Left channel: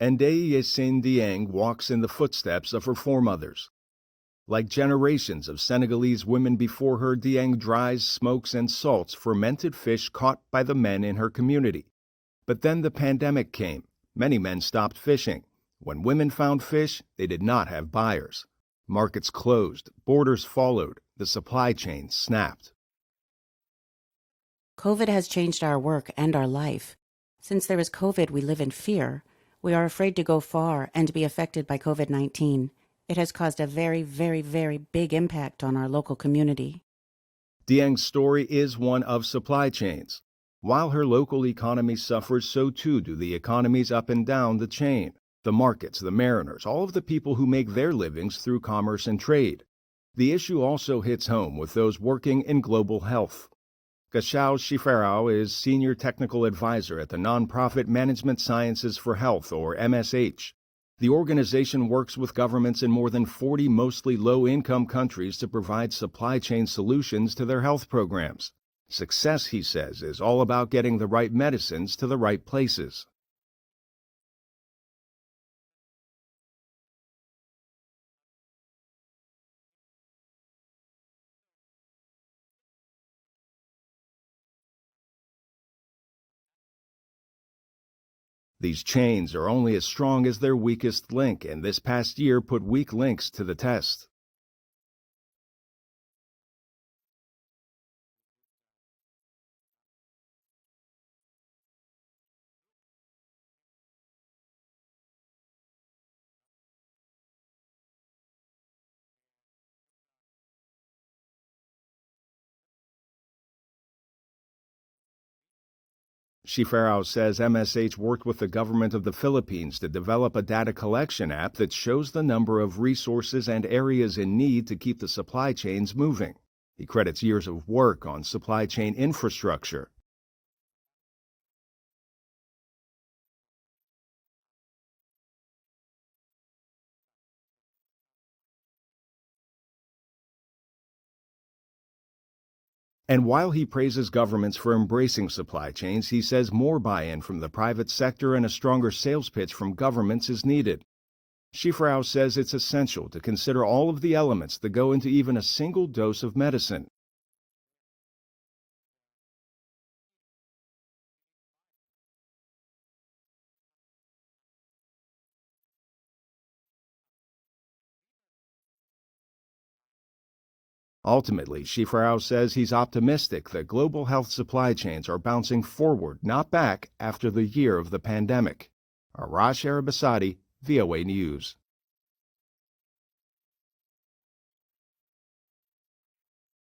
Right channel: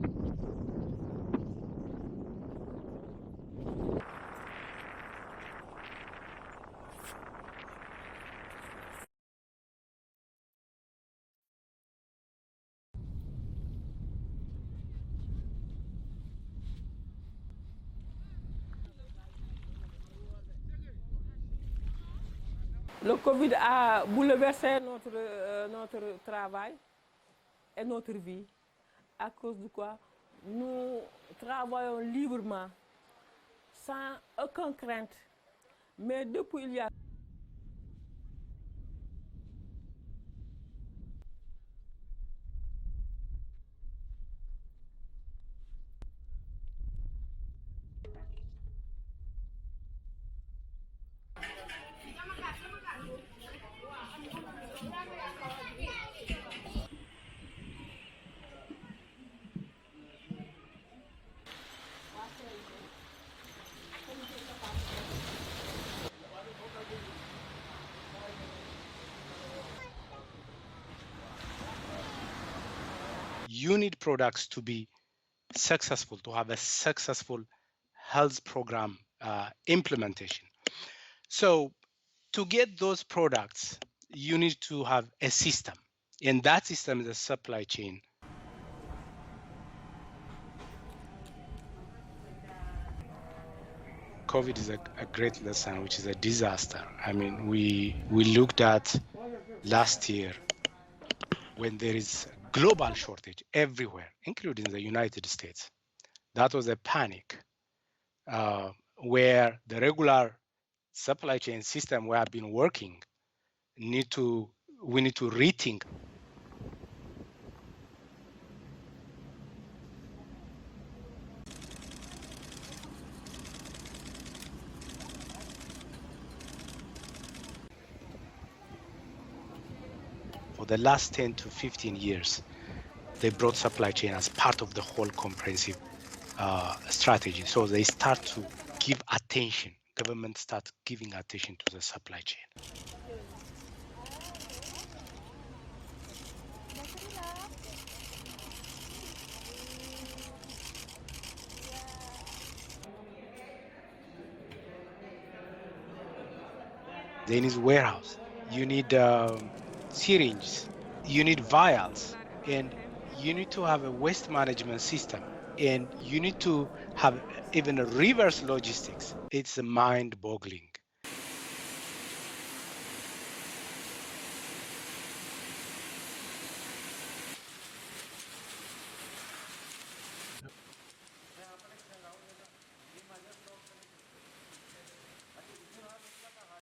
Ndeye Yessine Dieng walks in the footsteps of her foremothers. Like generations of Senegalese women before her, Dieng dries, smokes, and salts fermented fish caught by the men in her community. But then the pandemic came. Many men stopped fishing. When women found fish, they did not have buyers. Markets closed, borders followed, the supply chain snapped. COVID has changed our work and our life. Since there is COVID, we live in fear. We are afraid to go far and be affected by COVID-19. It has caused a very, very, very big impact on our local community. Dieng's story is one of supply chains. While her local economy suffers, so too do the economies up and down the chain. The markets, the mariners, all of the people who make their livings through commerce and trade. The issue also hits home with those working in global health. Gashao Shifarao is Senior Technical Advisor at the nonprofit Management Sciences for Health, or MSH. The organization works with governments in more than 40 mostly low-income countries to provide supply chain solutions to their health programs. Success, he says, is all about getting the right medicines to the right places. You need products to be successful, to have a successful health program implementation. So to get those products, you need to have a system, and that system is a supply chain. These chains are only as strong as their weakest link, and this past year put weak links to the test. COVID is a great lesson, which is a disaster. I mean, we looked at last year when there is global shortage everywhere, including the United States. That was a panic where the regular supply chain system we have been working we need to rethink. Shifarao says MSH worked with the government of the Philippines to develop a data collection app that shows the number of resources and areas in need to keep the supply chains moving. He credits years of work on supply chain infrastructure. For the last 10 to 15 years, they brought supply chain as part of the whole comprehensive strategy. So they start to give attention. Government start giving attention to the supply chain. And while he praises governments for embracing supply chains, he says more buy-in from the private sector and a stronger sales pitch from governments is needed. Shifarao says it's essential to consider all of the elements that go into even a single dose of medicine. They need warehouse, you need syringes, you need vials, and you need to have a waste management system, and you need to have even a reverse logistics. It's mind-boggling. Ultimately, Shifarao says he's optimistic that global health supply chains are bouncing forward, not back, after the year of the pandemic. Arash, Arabasadi, VOA News.